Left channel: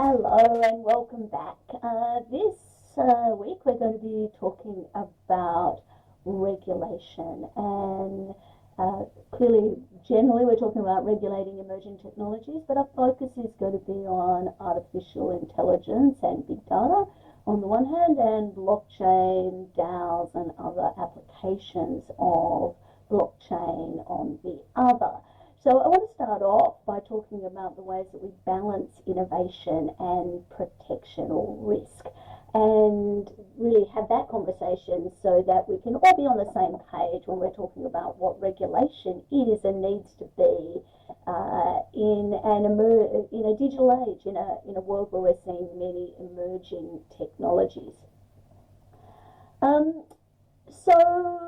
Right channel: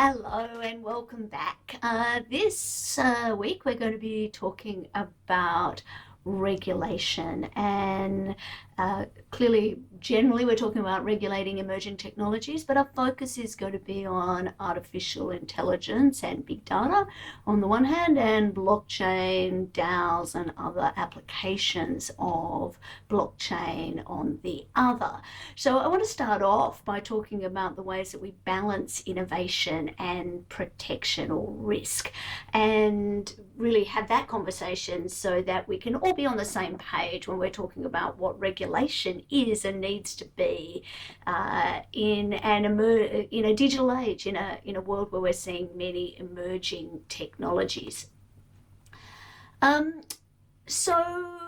Hello and welcome back. This week we're going to be talking about regulation and clearly, generally we're talking about regulating emerging technologies, but our focus is going to be on artificial intelligence and big data on the one hand, and blockchain, DAOs and other applications of blockchain on the other. So I want to start off by talking about the ways that we balance innovation and protection or risk, and really have that conversation so that we can all be on the same page when we're talking about what regulation is and needs to be in a digital age, in a world where we're seeing many emerging technologies. So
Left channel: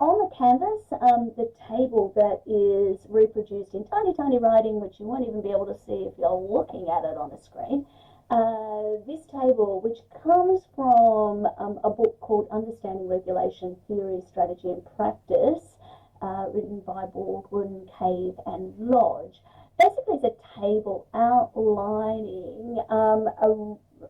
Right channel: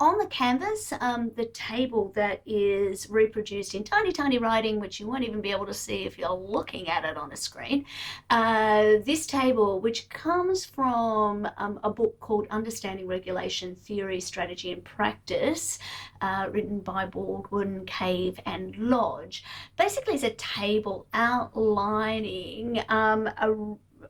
on the canvas, the table that is reproduced in tiny, tiny writing, which you won't even be able to see if you're looking at it on a screen, this table, which comes from a book called Understanding Regulation, Theory, Strategy and Practice, written by Baldwin, Cave and Lodge, basically is a table outlining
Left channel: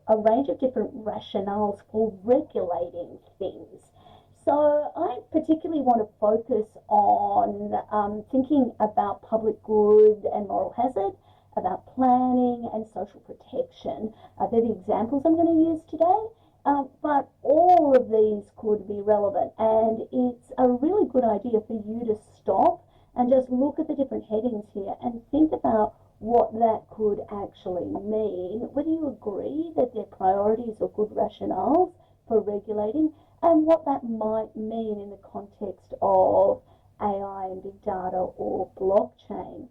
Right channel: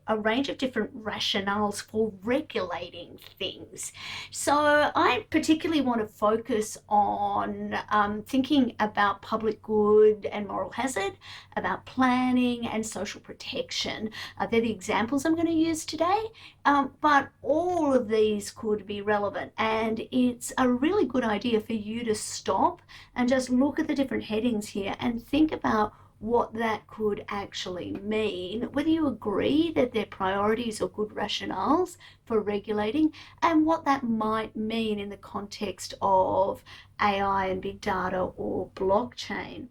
a range of different rationales for regulating things. So I particularly want to focus on thinking about public good and moral hazard, about planning and social protection. They're the examples I'm going to use today, but all of these could be relevant, and it's a really good idea for you to stop and just look at the different headings here and think about what that could actually mean, whether you agree that they're priorities or good rationales for regulating, and what that might mean in the context of AI and big data or blockchain.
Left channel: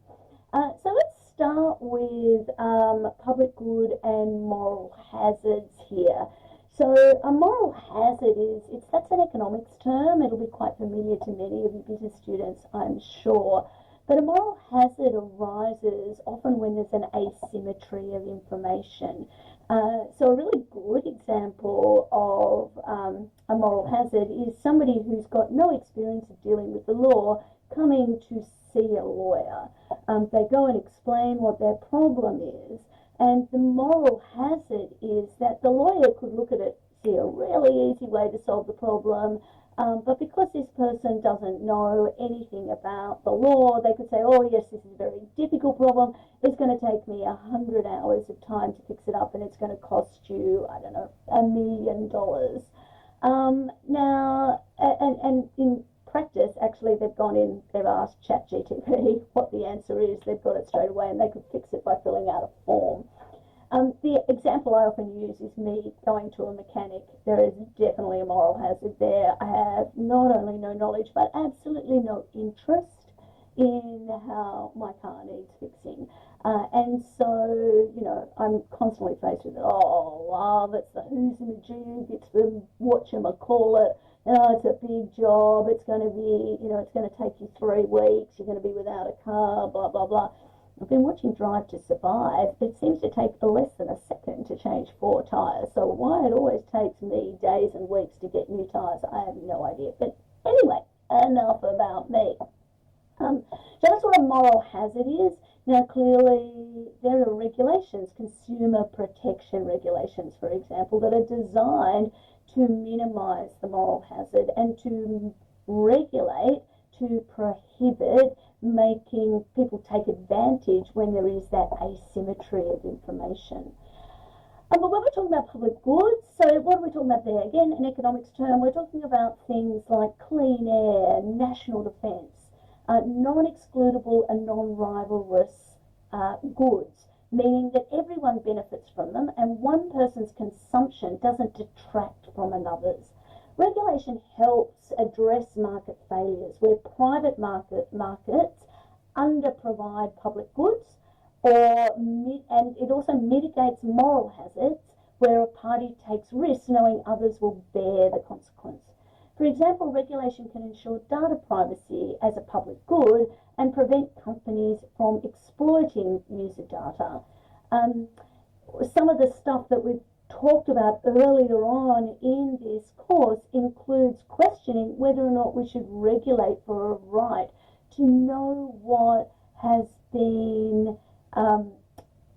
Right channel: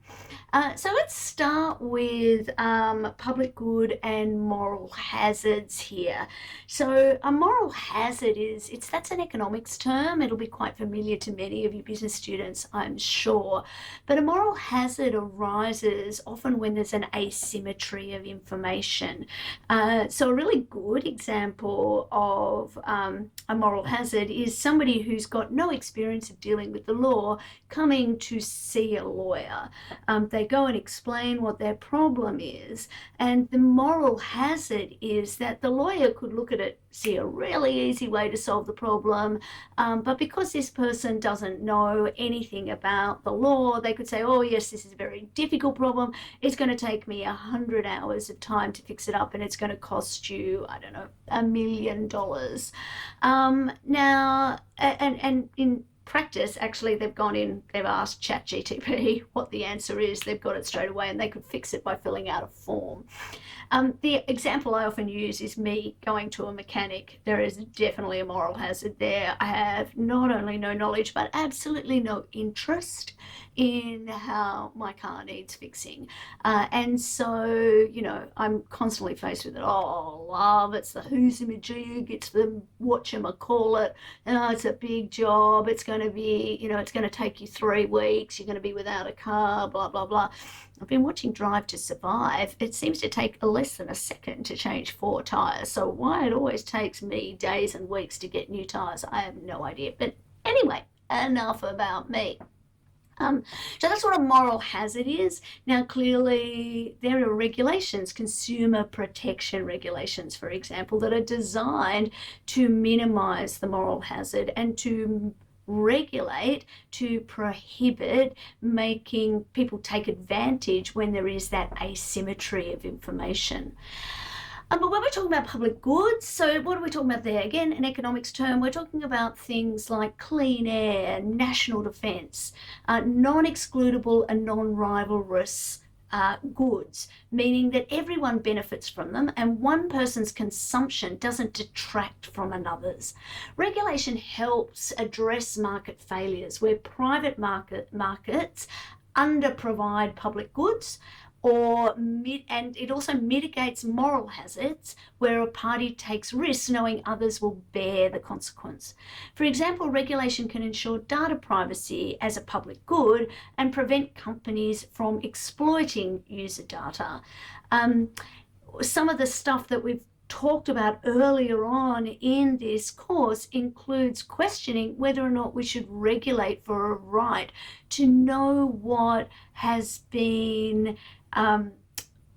So let's start with public good and moral hazards here. So a moral hazard that's an economics term. It'll be quite familiar to many of you business students, I'm sure. But a moral hazard arises often when there's an asymmetry of information. So a really good example of a moral hazard is somebody who's got no experience of dealing with the law coming to see a lawyer. They go and explain what their problem is, and the moral hazard is that the lawyer could look at it, see a really easy way to solve the problem, but because this person doesn't know anything about the law, they could say, oh yes, this is a very difficult problem, it's going to take me 100 hours of time to fix it up, and it's going to cost you, I don't know, $1 million. Now, and in practice, actually, they've asked ChatGPT what the answer is, they've got it straight away, and they could fix it by filling out a form. The example I often use is me going to a mechanic. There is definitely a moral hazard there. I have not only no knowledge, but absolutely no interest in how my car needs fixing. And so, I'm constantly faced with it. Oh, love, it's the who's a majig, it's the whatchamacallit, it's a big job, it's going to be, it's going to take you 3 weeks, you're going to be without a car, blah, blah, blah. I've been watching Drive to Survive. It seems to take less than a second to change 4 tyres. So why it always takes me days and weeks to get new tyres, I have no idea. But anyway, enough about me. So that's what a moral hazard is. Now, clearly, there are regulations, consumer protection regulations, for example, that are designed to minimize the moral hazard and to regulate, to prohibit making people take advantage when there is that asymmetry of information. But when we're talking about public goods, so what are we talking about there? Again, an economics term, we're talking about things like clean air, national defence, non-excludable and non-rivalrous goods, meaning that everyone benefits from them and one person's consumption doesn't detract from another's. Regulation helps address market failures where private markets underprovide public goods, and it also mitigates moral hazards where a party takes risks knowing others will bear the consequence. For example, regulation can ensure data privacy as a public good and prevent companies from exploiting user data. Some of the stuff that we've talked about earlier on in this course includes questioning whether or not we should regulate for a right to know what has been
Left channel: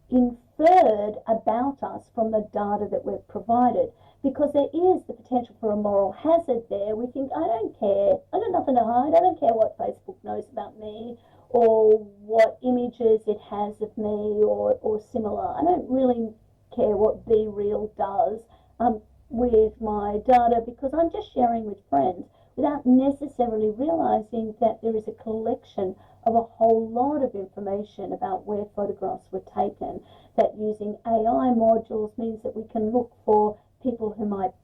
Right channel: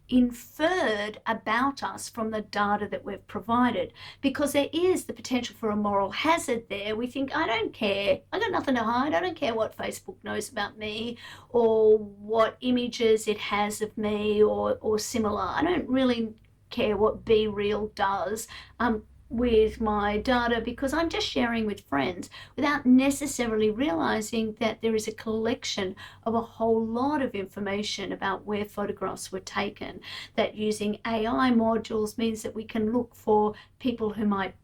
inferred about us from the data that we've provided, because there is the potential for a moral hazard there. We think, I don't care, I got nothing to hide, I don't care what Facebook knows about me or what images it has of me or similar. I don't really care what Be Real does with my data, because I'm just sharing with friends without necessarily realizing that there is a collection of a whole lot of information about where photographs were taken, that using AI modules means that we can look for people who might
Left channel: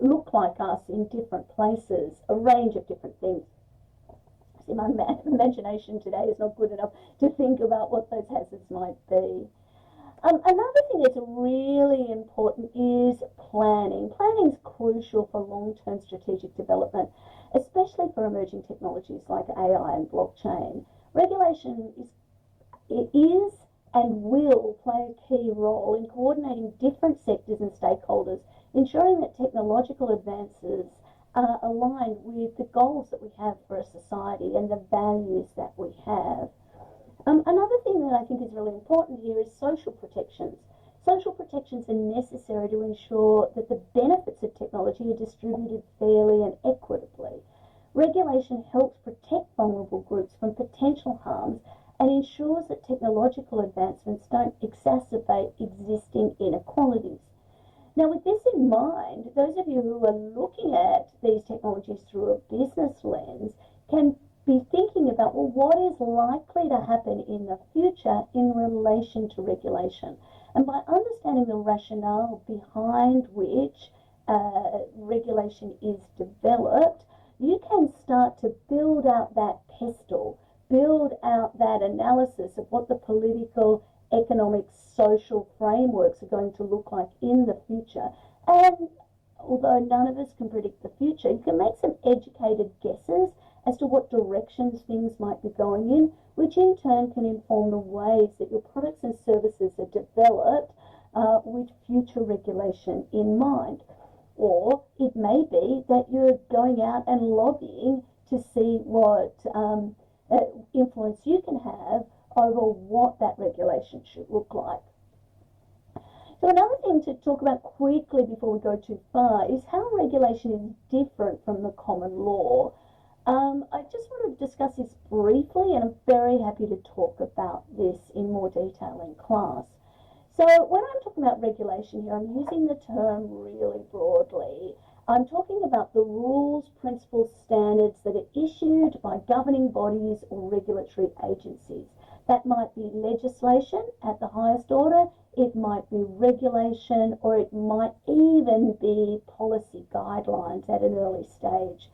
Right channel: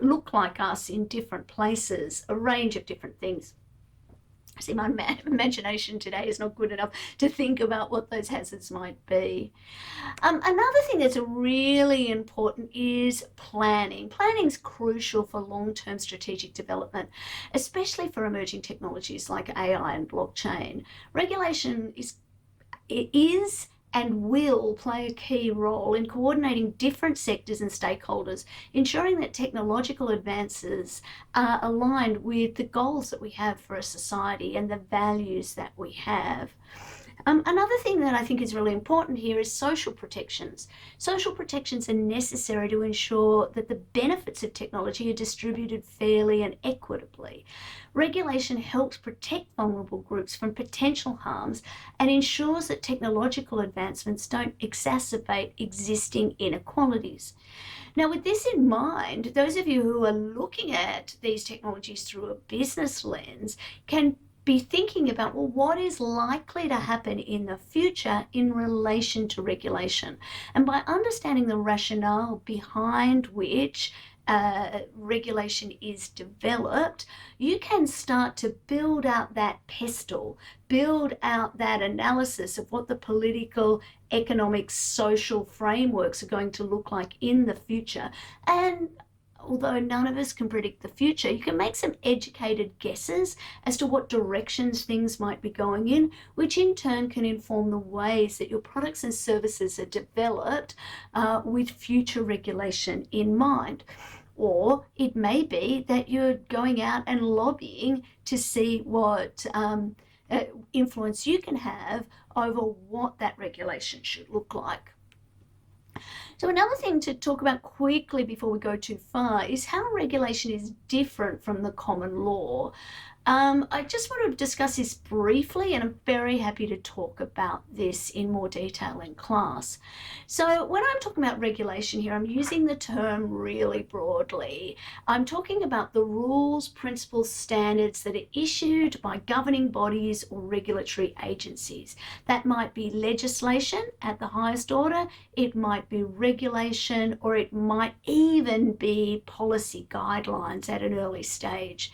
look like us in different places, a range of different things. See, my imagination today is not good enough to think about what those hazards might be. Another thing that's really important is planning. Planning is crucial for long-term strategic development, especially for emerging technologies like AI and blockchain. Regulation is and will play a key role in coordinating different sectors and stakeholders, ensuring that technological advances are aligned with the goals that we have for a society and the values that we have. Another thing that I think is really important here is social protections. Social protections are necessary to ensure that the benefits of technology are distributed fairly and equitably. Regulation helps protect vulnerable groups from potential harms and ensures that technological advancements don't exacerbate existing inequalities. Now, with this in mind, those of you who are looking at these technologies through a business lens can be thinking about, well, what is likely to happen in the future in relation to regulation? And by understanding the rationale behind which regulation is developed, you can start to build out that pestle, build out that analysis of what the political, economic, social frameworks are going to look like in the future. And although none of us can predict the future, you can make some educated guesses as to what directions things might be going in, which in turn can inform the ways that your products and services are developed with future regulation in mind. Or it may be that you're going out and lobbying to see what influence you can have over what that regulation should look like. So another thing to talk about quickly before we go too far is how regulation is different from the common law. I just want to discuss this briefly, and I'm very happy to talk about this in more detail in class. So when I'm talking about regulation here, I'm using the term really broadly. I'm talking about the rules, principles, standards that are issued by governing bodies or regulatory agencies. That might be legislation at the highest order, it might be regulation, or it might even be policy guidelines at an early stage.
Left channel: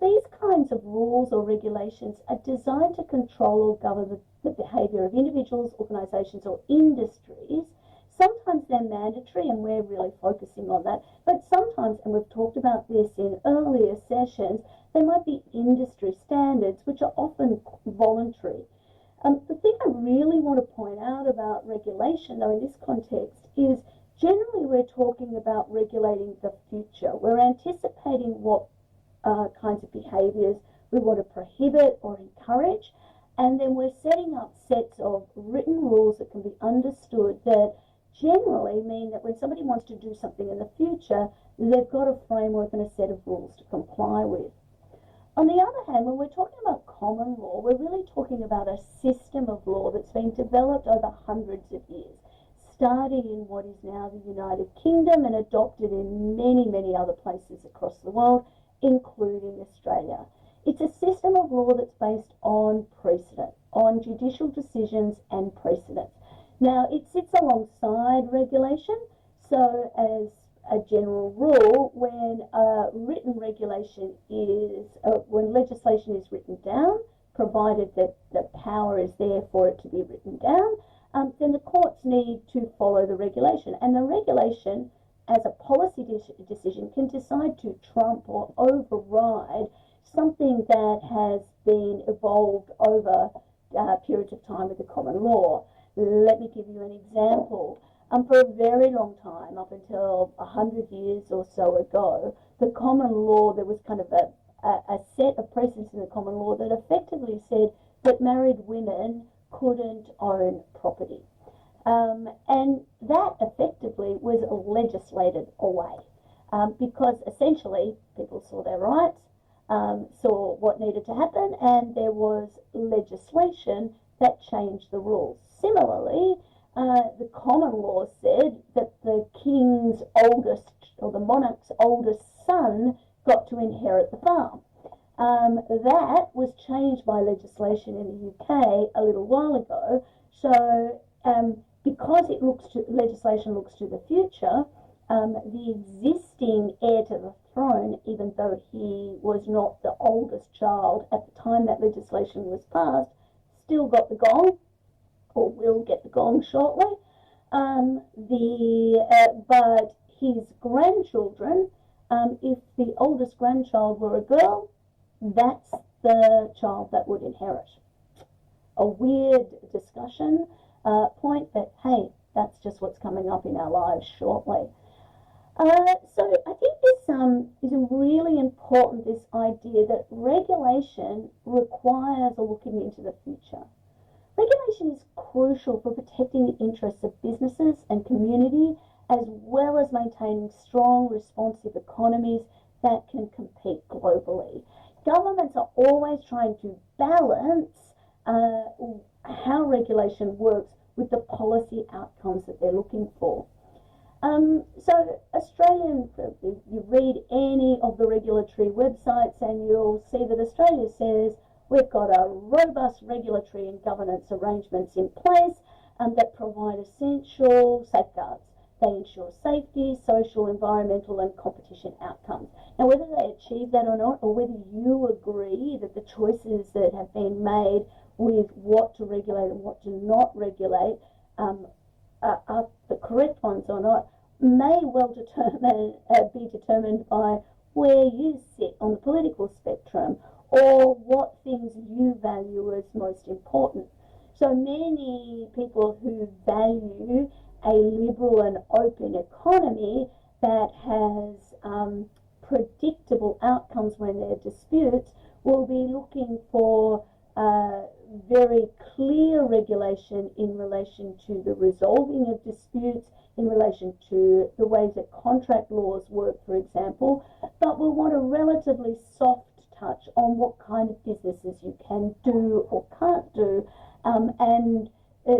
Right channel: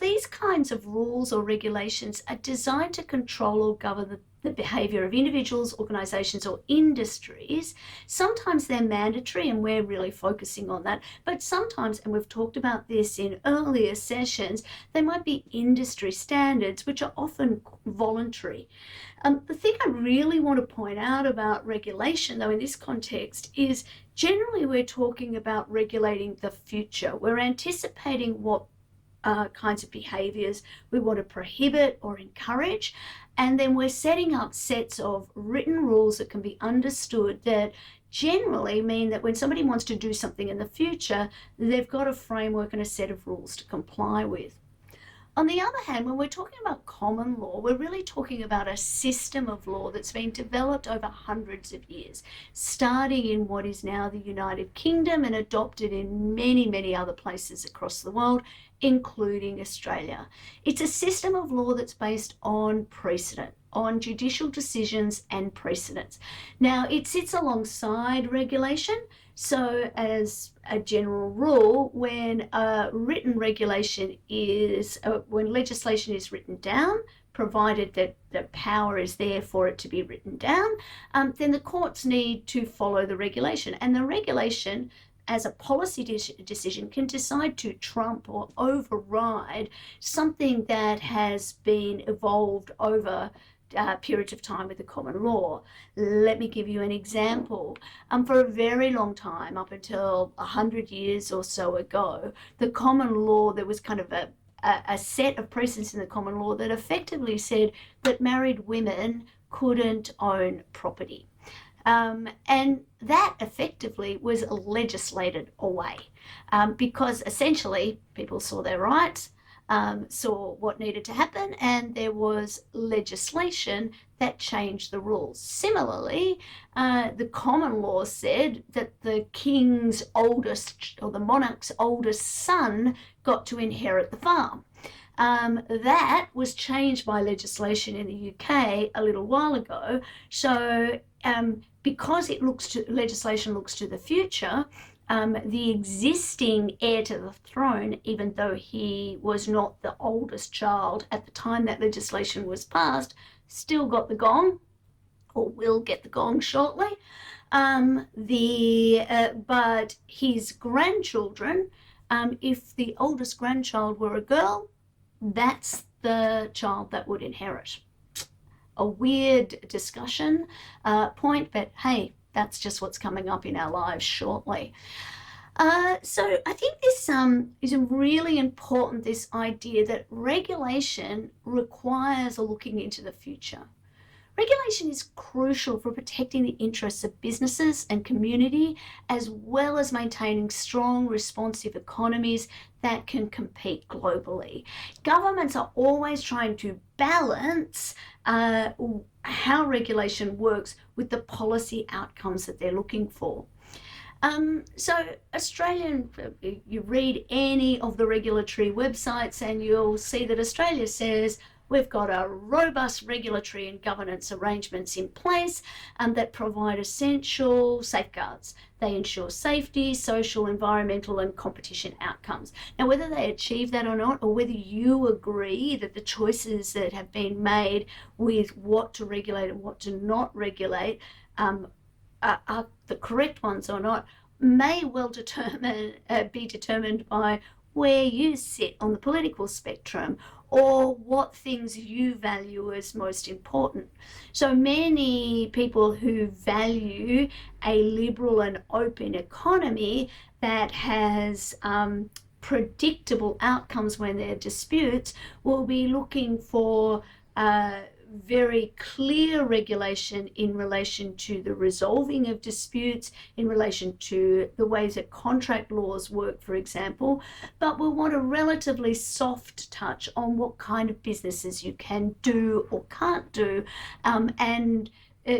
These kinds of rules or regulations are designed to control or govern the behaviour of individuals, organisations or industries. Sometimes they're mandatory, and we're really focusing on that, but sometimes, and we've talked about this in earlier sessions, they might be industry standards, which are often voluntary. The thing I really want to point out about regulation, though, in this context is generally we're talking about regulating the future. We're anticipating what kinds of behaviours we want to prohibit or encourage, and then we're setting up sets of written rules that can be understood that generally mean that when somebody wants to do something in the future, they've got a framework and a set of rules to comply with. On the other hand, when we're talking about common law, we're really talking about a system of law that's been developed over hundreds of years, starting in what is now the United Kingdom and adopted in many, many other places across the world, including Australia. It's a system of law that's based on precedent, on judicial decisions and precedents. Now, it sits alongside regulation. So as a general rule, when written regulation is, when legislation is written down, provided that the power is there for it to be written down, then the courts need to follow the regulation. And the regulation, as a policy decision, can decide to trump or override something that has been evolved over periods of time with the common law. Let me give you an example. For a very long time, up until 100 years or so ago, the common law, there was kind of a set of precedents in the common law that effectively said that married women couldn't own property. And that effectively was legislated away because essentially people saw their rights, saw what needed to happen, and there was legislation that changed the rules. Similarly, the common law said that the king's oldest, or the monarch's oldest son, got to inherit the farm. That was changed by legislation in the UK a little while ago. So because legislation looks to the future, the existing heir to the throne, even though he was not the oldest child at the time that legislation was passed, still got the gong, or will get the gong shortly. But his grandchildren, if the oldest grandchild were a girl, that's the child that would inherit. A weird discussion point, but hey, that's just what's coming up in our lives shortly. So I think this is really important, this idea that regulation requires looking into the future. Regulation is crucial for protecting the interests of businesses and community, as well as maintaining strong, responsive economies that can compete globally. Governments are always trying to balance how regulation works with the policy outcomes that they're looking for. So you read any of the regulatory websites and you'll see that Australia says we've got a robust regulatory and governance arrangements in place that provide essential safeguards. They ensure safety, social, environmental, and competition outcomes. Now, whether they achieve that or not, or whether you agree that the choices that have been made with what to regulate and what to not regulate are the correct ones or not, may well be determined by where you sit on the political spectrum, or what things you value as most important. So many people who value a liberal and open economy that has predictable outcomes when there are disputes will be looking for very clear regulation in relation to the resolving of disputes, in relation to the ways that contract laws work, for example, but we'll want a relatively soft touch on what kind of businesses you can do or can't do, and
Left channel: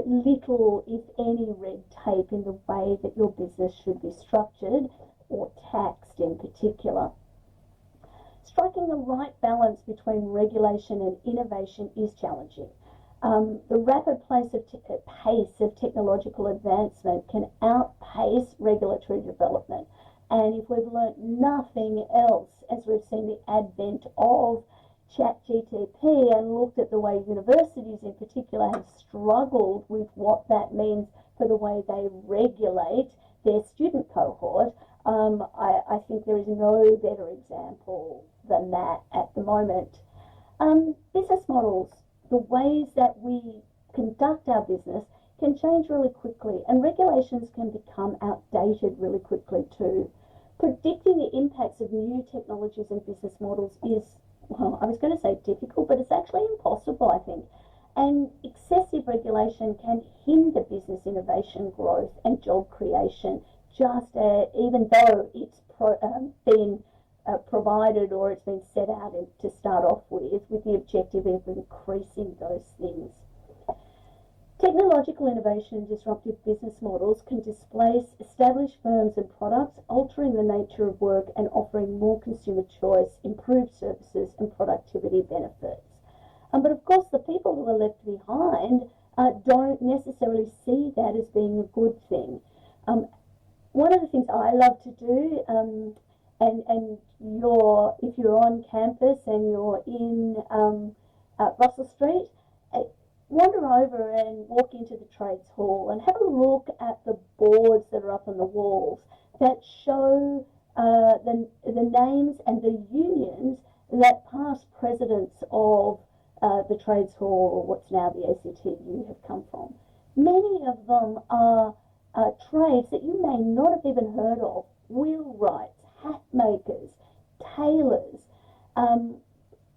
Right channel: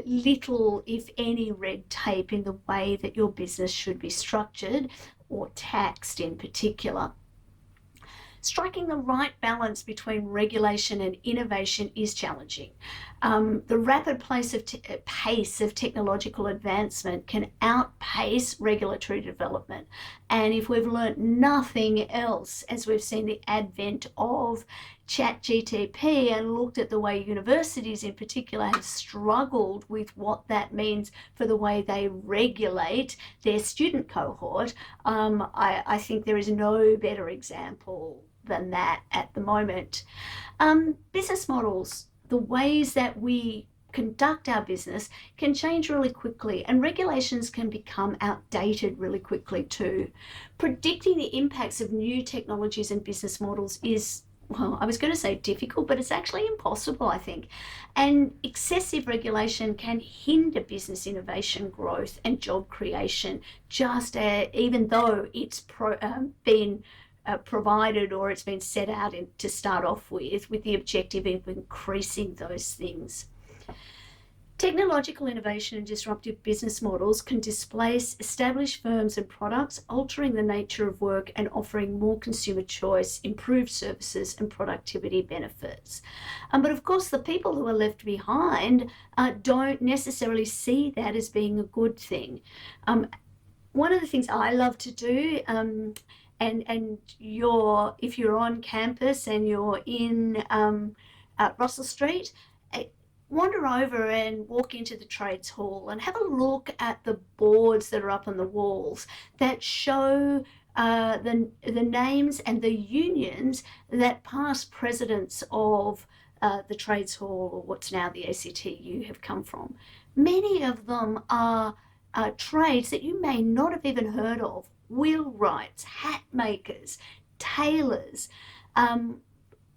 little, if any, red tape in the way that your business should be structured or taxed in particular. Striking the right balance between regulation and innovation is challenging. The rapid pace of technological advancement can outpace regulatory development. And if we've learnt nothing else, as we've seen the advent of ChatGPT and looked at the way universities in particular have struggled with what that means for the way they regulate their student cohort, I think there is no better example than that at the moment. Business models, the ways that we conduct our business, can change really quickly, and regulations can become outdated really quickly too. Predicting the impacts of new technologies and business models is, well, I was going to say difficult, but it's actually impossible, I think. And excessive regulation can hinder business innovation, growth, and job creation, even though it's been provided, or it's been set out to start off with the objective of increasing those things. Technological innovation and disruptive business models can displace established firms and products, altering the nature of work and offering more consumer choice, improved services, and productivity benefits. But of course, the people who are left behind don't necessarily see that as being a good thing. One of the things I love to do, if you're on campus and you're in Russell Street, wander over and walk into the trades hall and have a look at the boards that are up on the walls that show the names and the unions that past presidents of the trades hall, or what's now the ACTU, have come from. Many of them are trades that you may not have even heard of: wheelwrights, hat makers, tailors,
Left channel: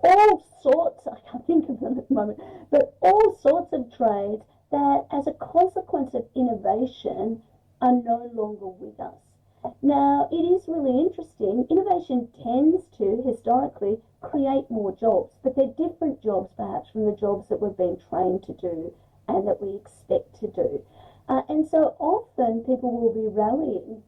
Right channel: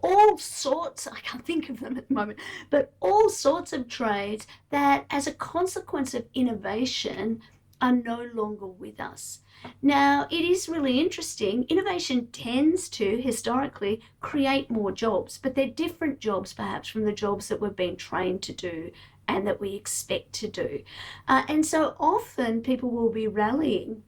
all sorts, I can't think of them at the moment, but all sorts of trades that as a consequence of innovation are no longer with us. Now, it is really interesting. Innovation tends to historically create more jobs, but they're different jobs perhaps from the jobs that we've been trained to do and that we expect to do. And so often people will be rallying,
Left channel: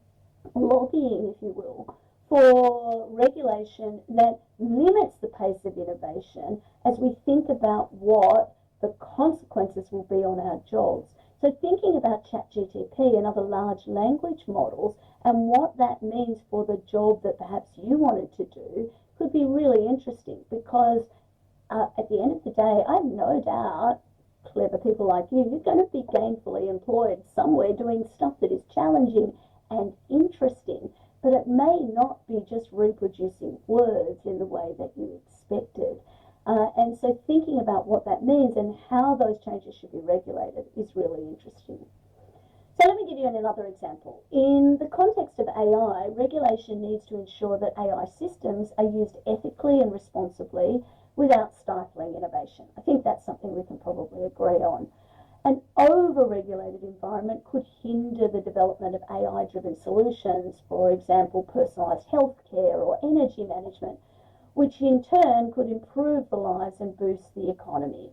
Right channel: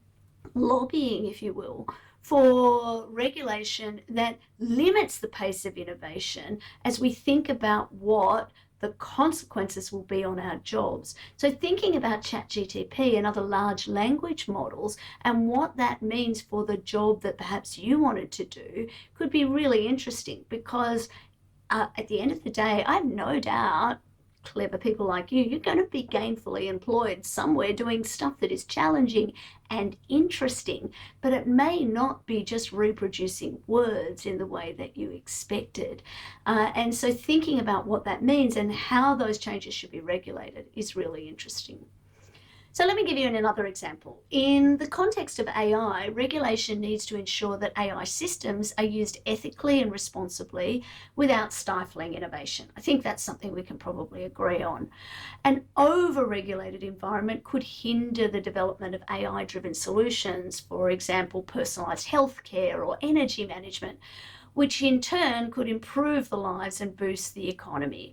lobbying, if you will, for regulation that limits the pace of innovation as we think about what the consequences will be on our jobs. So thinking about ChatGPT and other large language models and what that means for the job that perhaps you wanted to do could be really interesting, because at the end of the day, I have no doubt clever people like you're going to be gainfully employed somewhere doing stuff that is challenging and interesting, but it may not be just reproducing words in the way that you expected. And so thinking about what that means and how those changes should be regulated is really interesting. So let me give you another example. In the context of AI, regulation needs to ensure that AI systems are used ethically and responsibly without stifling innovation. I think that's something we can probably agree on. An over-regulated environment could hinder the development of AI-driven solutions, for example, personalised healthcare or energy management, which in turn could improve the lives and boost the economy.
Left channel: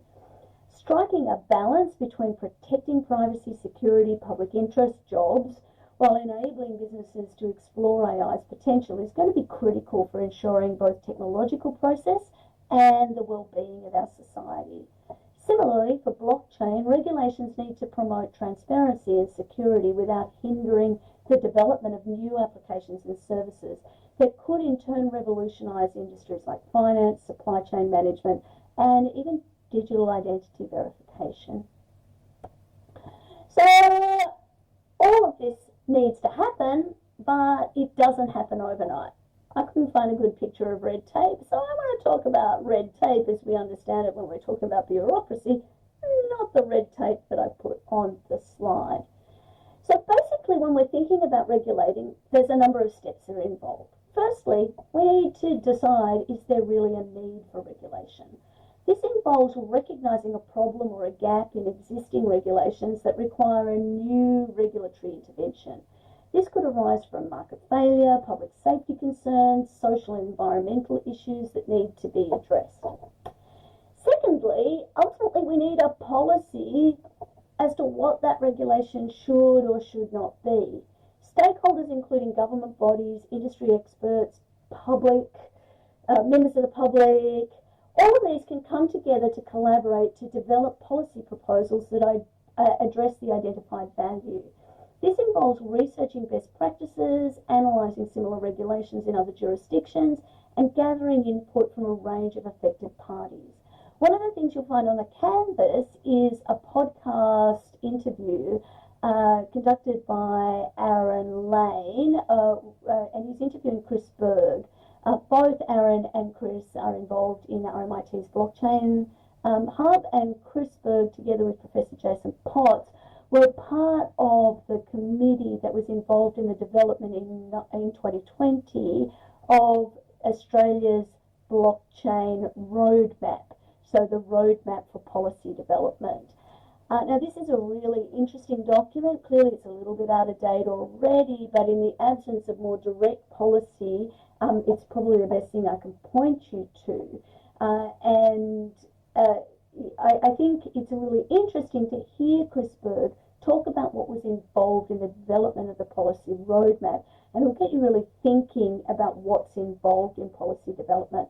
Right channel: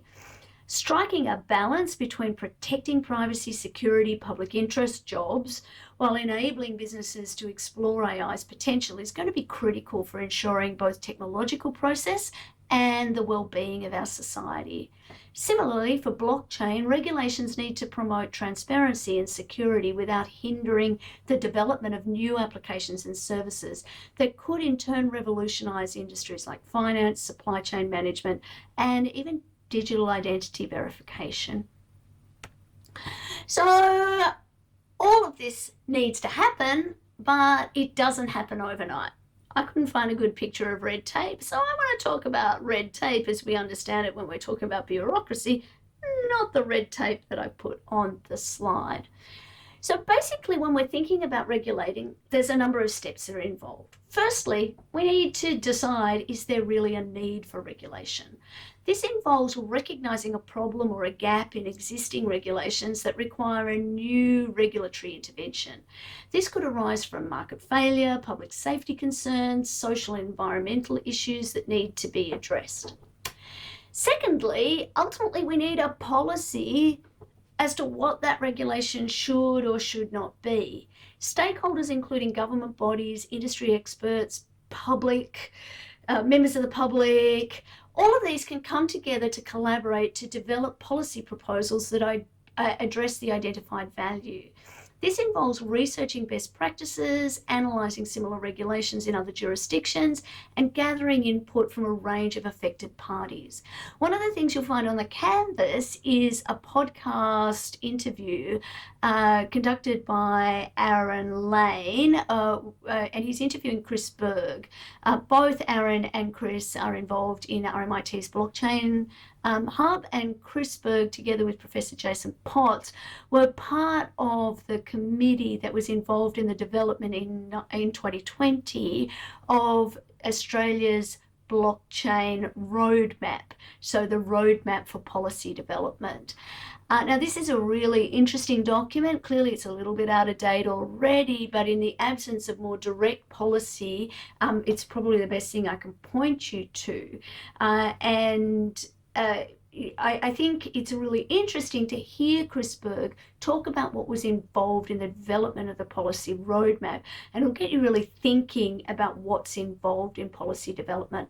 Striking a balance between protecting privacy, security, public interest, jobs, while enabling businesses to explore AI's potential is going to be critical for ensuring both technological process and the well-being of our society. Similarly, for blockchain, regulations need to promote transparency and security without hindering the development of new applications and services that could in turn revolutionize industries like finance, supply chain management, and even digital identity verification. So all of this needs to happen, but it doesn't happen overnight. I couldn't find a good picture of red tape, so I want to talk about red tape as we understand it when we're talking about bureaucracy, not the red tape that I put on the slide. So basically, when we're thinking about regulating, there's a number of steps that are involved. Firstly, we need to decide, is there really a need for regulation? This involves recognizing a problem or a gap in existing regulations that require a new regulatory intervention. This could arise from market failure, public safety concerns, social and environmental issues that need to be addressed. Secondly, ultimately, we need a policy as to what that regulation should or should not be. Stakeholders, including government bodies, industry experts, public, members of the public, all of these can come together to collaborate to develop policy proposals that address the identified value. This involves researching best practices, analysing similar regulations in other jurisdictions, and gathering input from a range of affected parties. One of the things you'll find on the canvas is a podcast interview conducted by Aaron Lane, and he's interviewing Chris Berg. Both Aaron and Chris are involved in RMIT's blockchain Hub, and Chris Berg, together with Professor Jason Potts, were part of the committee that was involved in the development in 2020 of Australia's blockchain roadmap, so the roadmap for policy development. Now, this is a really interesting document. Clearly, it's a little bit out of date already, but in the absence of more direct policy, it's probably the best thing I can point you to. I think it's really interesting to hear Chris Berg talk about what was involved in the development of the policy roadmap, and it'll get you really thinking about what's involved in policy development.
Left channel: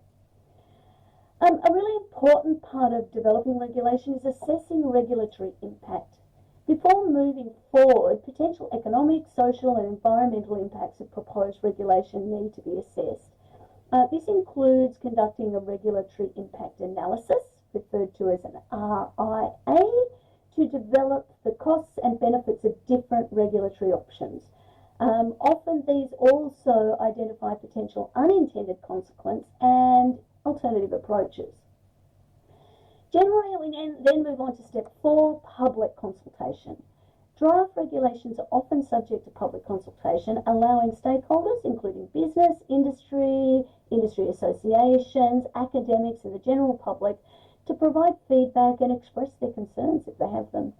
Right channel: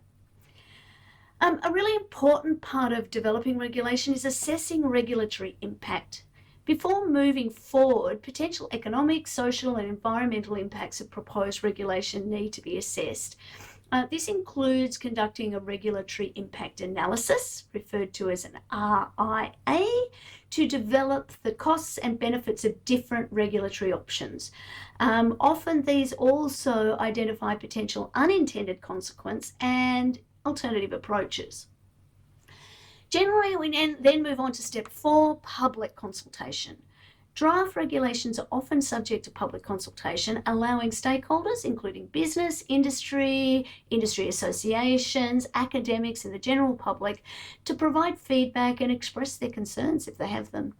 A really important part of developing regulation is assessing regulatory impact. Before moving forward, potential economic, social, and environmental impacts of proposed regulation need to be assessed. This includes conducting a regulatory impact analysis, referred to as an RIA, to develop the costs and benefits of different regulatory options. Often these also identify potential unintended consequence and alternative approaches. Generally, we then move on to step 4, public consultation. Draft regulations are often subject to public consultation, allowing stakeholders, including business, industry associations, academics, and the general public, to provide feedback and express their concerns if they have them.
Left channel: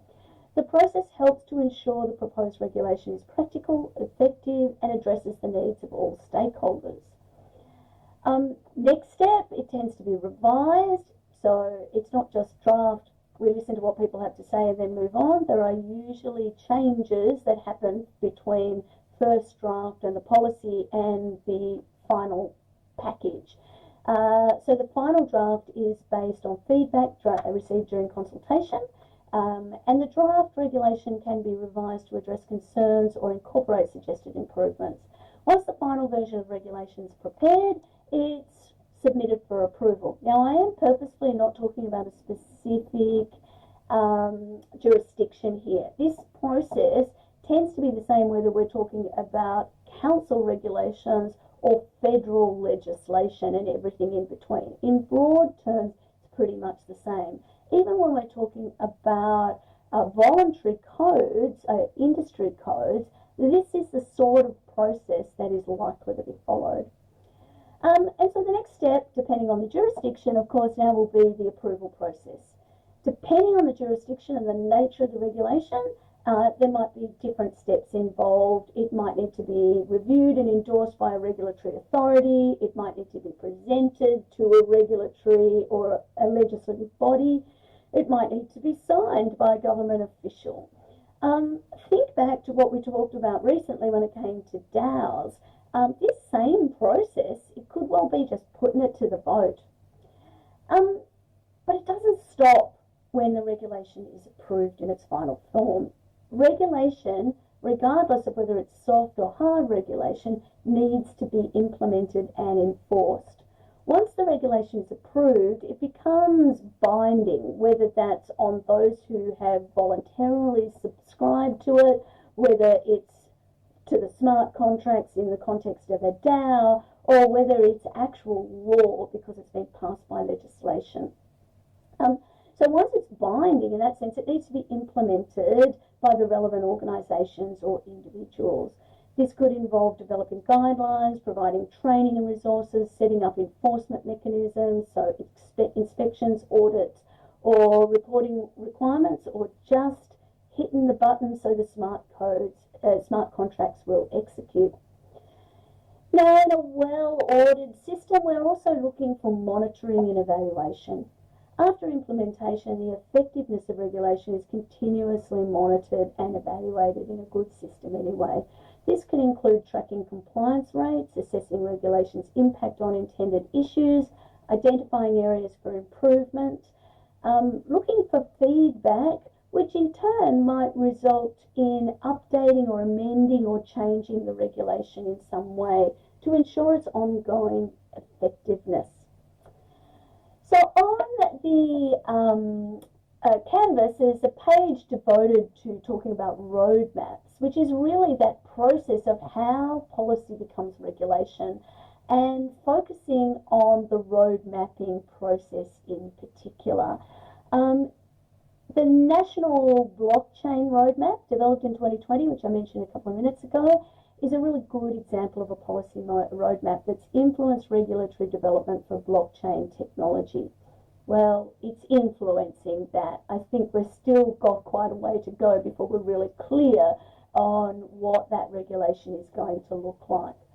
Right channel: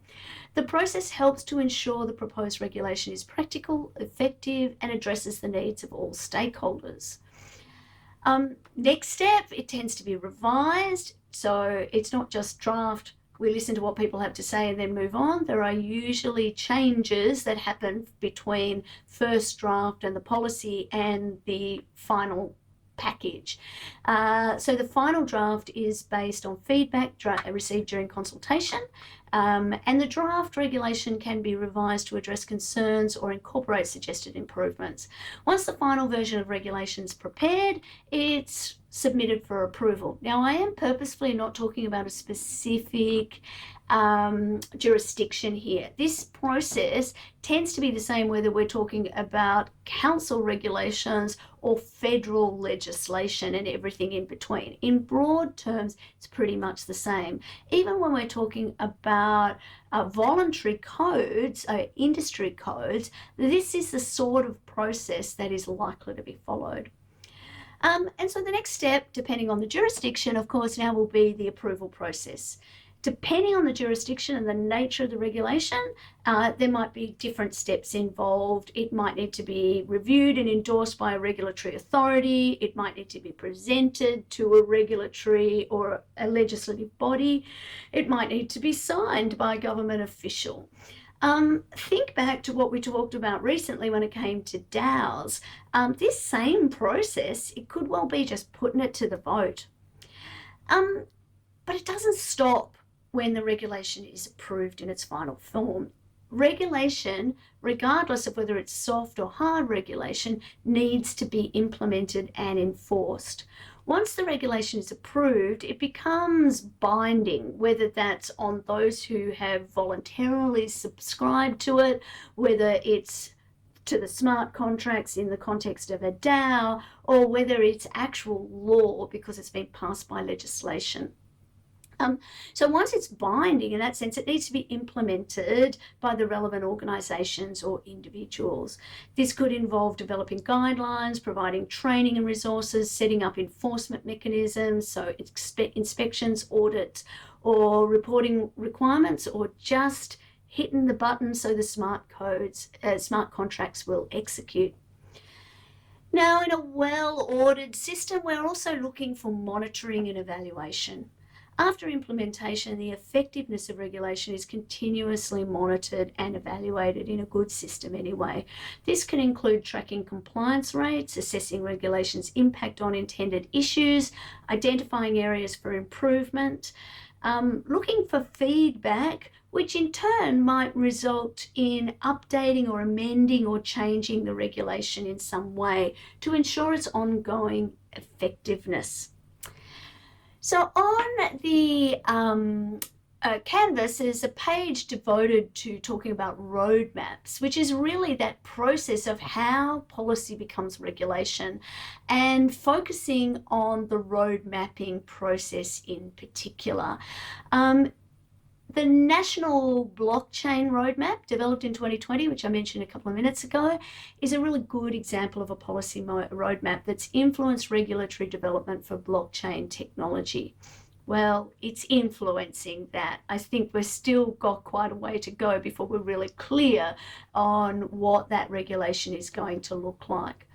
The process helps to ensure the proposed regulation is practical, effective, and addresses the needs of all stakeholders. Next step, it tends to be revised. So it's not just draft, we listen to what people have to say and then move on. There are usually changes that happen between first draft and the policy and the final package. So the final draft is based on feedback received during consultation. And the draft regulation can be revised to address concerns or incorporate suggested improvements. Once the final version of regulation is prepared, it's submitted for approval. Now, I am purposefully not talking about a specific jurisdiction here. This process tends to be the same whether we're talking about council regulations or federal legislation and everything in between. In broad terms, it's pretty much the same. Even when we're talking about voluntary codes, industry codes, this is the sort of process that is likely to be followed. And so the next step, depending on the jurisdiction, of course, now will be the approval process. Depending on the jurisdiction and the nature of the regulation, there might be different steps involved. It might need to be reviewed and endorsed by a regulatory authority. It might need to be presented to a regulatory or a legislative body. It might need to be signed by a government official. Think back to what we talked about recently when it came to DAOs. This same process, it could well be just putting it to the vote. But it doesn't stop when the regulation is approved in its final form. Regulation, regardless of whether it's soft or hard regulation, needs to be implemented and enforced. Once the regulation is approved, it becomes binding, whether that's on those who have voluntarily subscribed to it, whether it's to the smart contracts in the context of a DAO, or whether it's actual law because it's been passed by legislation. So once it's binding in that sense, it needs to be implemented by the relevant organisations or individuals. This could involve developing guidelines, providing training and resources, setting up enforcement mechanisms, so inspections, audits, or reporting requirements, or just hitting the button so the smart contracts will execute. Now, in a well-ordered system, we're also looking for monitoring and evaluation. After implementation, the effectiveness of regulation is continuously monitored and evaluated in a good system anyway. This can include tracking compliance rates, assessing regulation's impact on intended issues, identifying areas for improvement, looking for feedback, which in turn might result in updating or amending or changing the regulation in some way to ensure its ongoing effectiveness. So on the Canvas, there's a page devoted to talking about roadmaps, which is really that process of how policy becomes regulation and focusing on the road mapping process in particular. The National Blockchain Roadmap, developed in 2020, which I mentioned a couple of minutes ago, is a really good example of a policy roadmap that's influenced regulatory development for blockchain technology. Well, it's influencing that. I think we've still got quite a way to go before we're really clear on what that regulation is going to look like.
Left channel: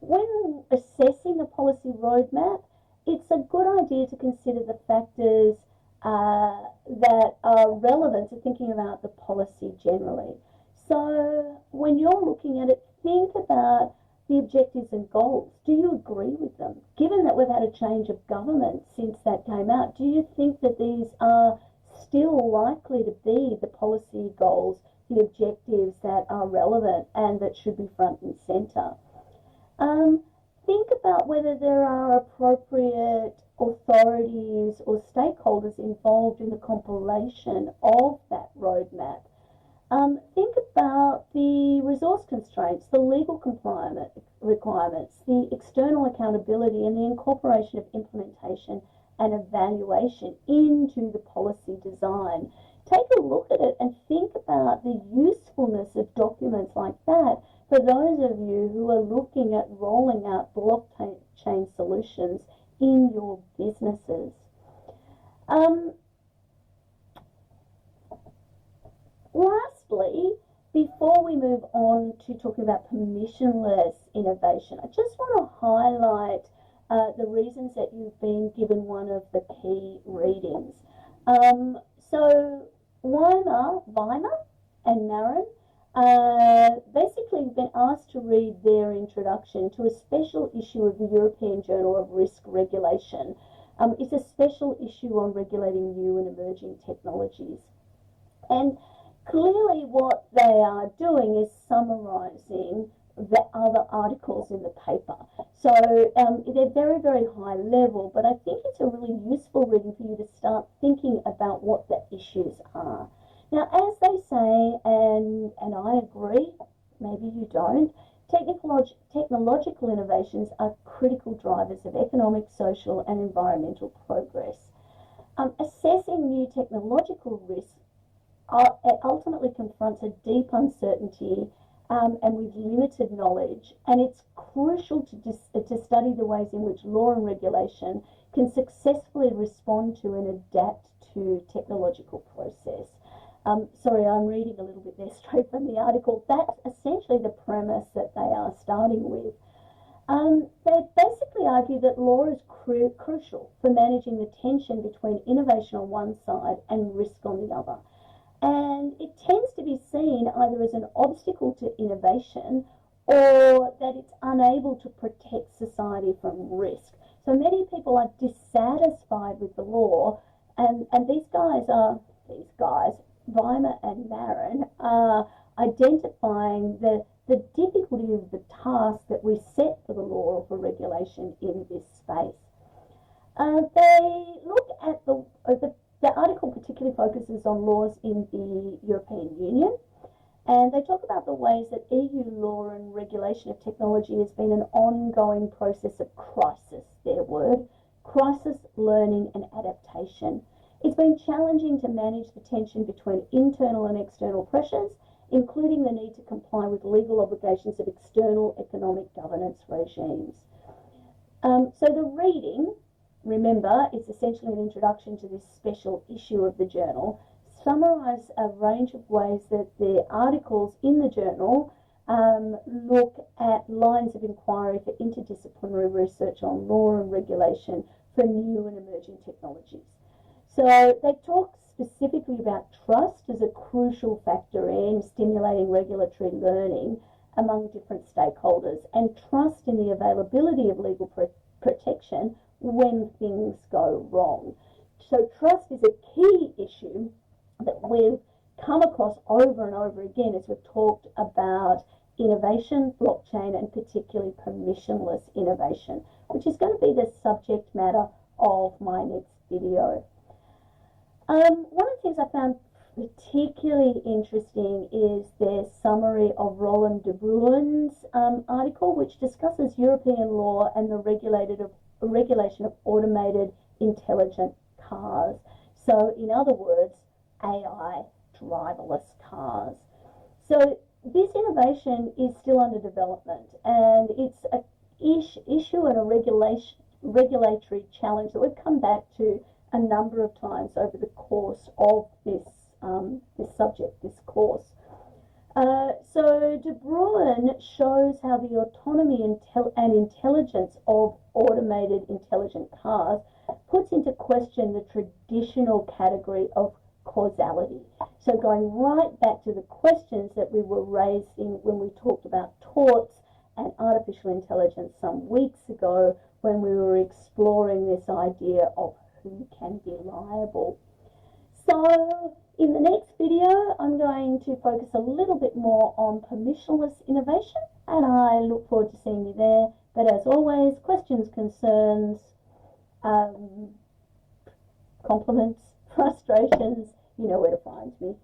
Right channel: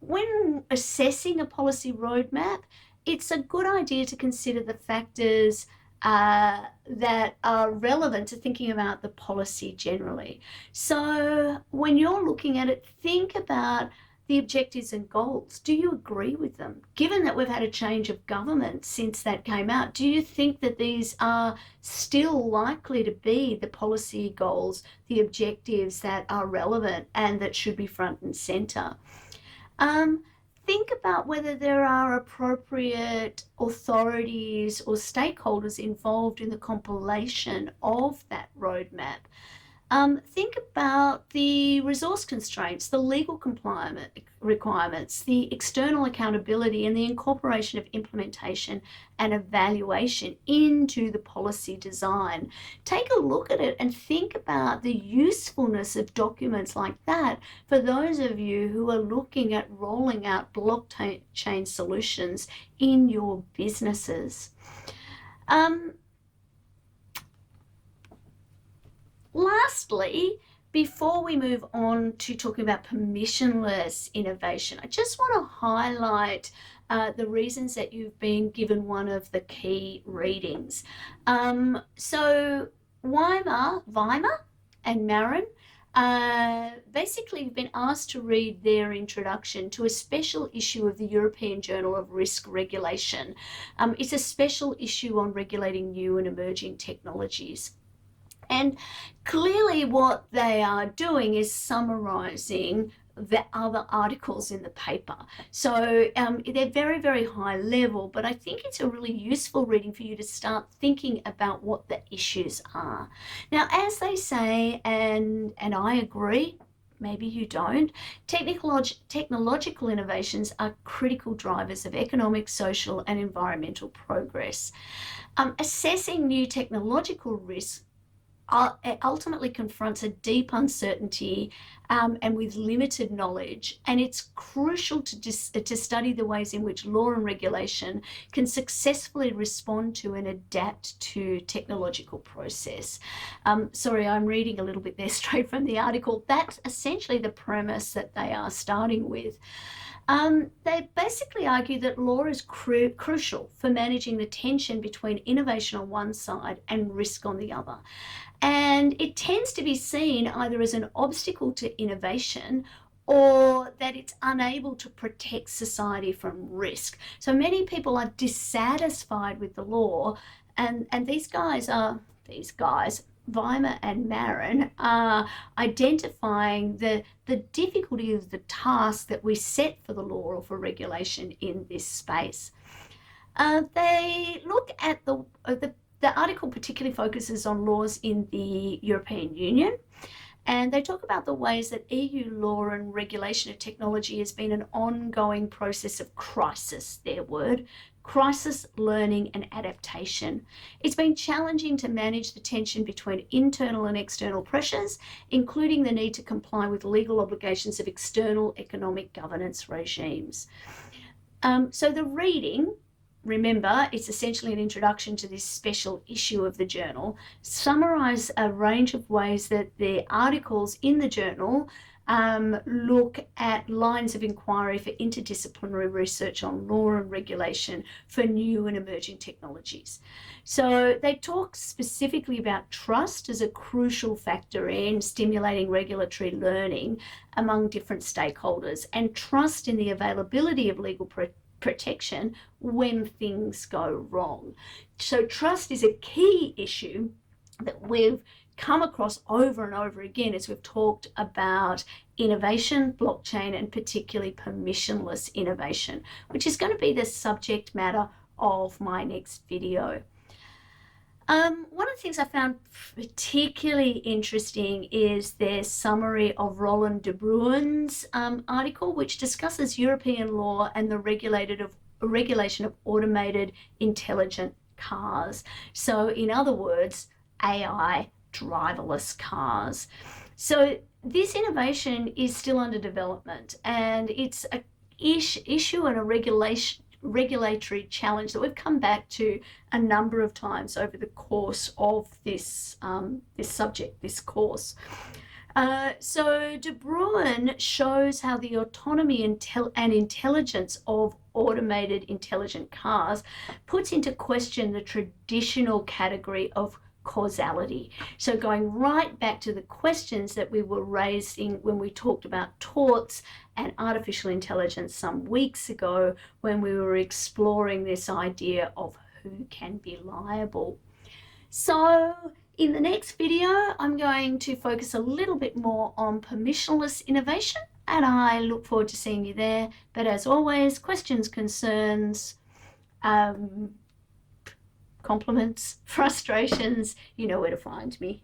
When assessing a policy roadmap, it's a good idea to consider the factors that are relevant to thinking about the policy generally. So when you're looking at it, think about the objectives and goals. Do you agree with them? Given that we've had a change of government since that came out, do you think that these are still likely to be the policy goals, the objectives that are relevant and that should be front and centre? Think about whether there are appropriate authorities or stakeholders involved in the compilation of that roadmap. Think about the resource constraints, the legal requirements, the external accountability, and the incorporation of implementation and evaluation into the policy design. Take a look at it and think about the usefulness of documents like that for those of you who are looking at rolling out blockchain solutions in your businesses. Lastly, before we move on to talking about permissionless innovation, I just want to highlight the reasons that you've been given one of the key readings. So Weimer and Marin basically have been asked to read their introduction to a special issue of the European Journal of Risk Regulation. It's a special issue on regulating new and emerging technologies. And clearly what they are doing is summarizing the other articles in the paper. So they're very, very high level, but I think it's a really useful reading for you to start thinking about what the issues are. Now, as they say, and I agree, maybe you don't, technological innovations are critical drivers of economic, social, and environmental progress. Assessing new technological risks ultimately confronts a deep uncertainty and with limited knowledge, and it's crucial to study the ways in which law and regulation can successfully respond to and adapt to technological process. Sorry, I'm reading a little bit there straight from the article. That's essentially the premise that they are starting with. They basically argue that law is crucial for managing the tension between innovation on one side and risk on the other. And it tends to be seen either as an obstacle to innovation or that it's unable to protect society from risk. So many people are dissatisfied with the law, and these guys, Weimer and Marin, are identifying the difficulty of the task that we set for the law or for regulation in this space. They look at the article particularly focuses on laws in the European Union, and they talk about the ways that EU law and regulation of technology has been an ongoing process of crisis, their word, crisis, learning, and adaptation. It's been challenging to manage the tension between internal and external pressures, including the need to comply with legal obligations of external economic governance regimes. So the reading, remember, it's essentially an introduction to this special issue of the journal, summarize a range of ways that the articles in the journal look at lines of inquiry for interdisciplinary research on law and regulation for new and emerging technologies. So they talk specifically about trust as a crucial factor in stimulating regulatory learning among different stakeholders, and trust in the availability of legal protection when things go wrong. So trust is a key issue that we've come across over and over again as we've talked about innovation, blockchain, and particularly permissionless innovation, which is going to be the subject matter of my next video. One of the things I found particularly interesting is their summary of Roland de Bruyn's article, which discusses European law and the regulation of automated intelligent cars. So in other words, AI driverless cars. So this innovation is still under development, and it's an issue and a regulatory challenge that we've come back to a number of times over the course of this course. So De Bruyn shows how the autonomy and intelligence of automated intelligent cars puts into question the traditional category of causality. So going right back to the questions that we were raising when we talked about torts and artificial intelligence some weeks ago, when we were exploring this idea of who can be liable. So in the next video, I'm going to focus a little bit more on permissionless innovation, and I look forward to seeing you there. But as always, questions, concerns, compliments, frustrations, you know where to find me.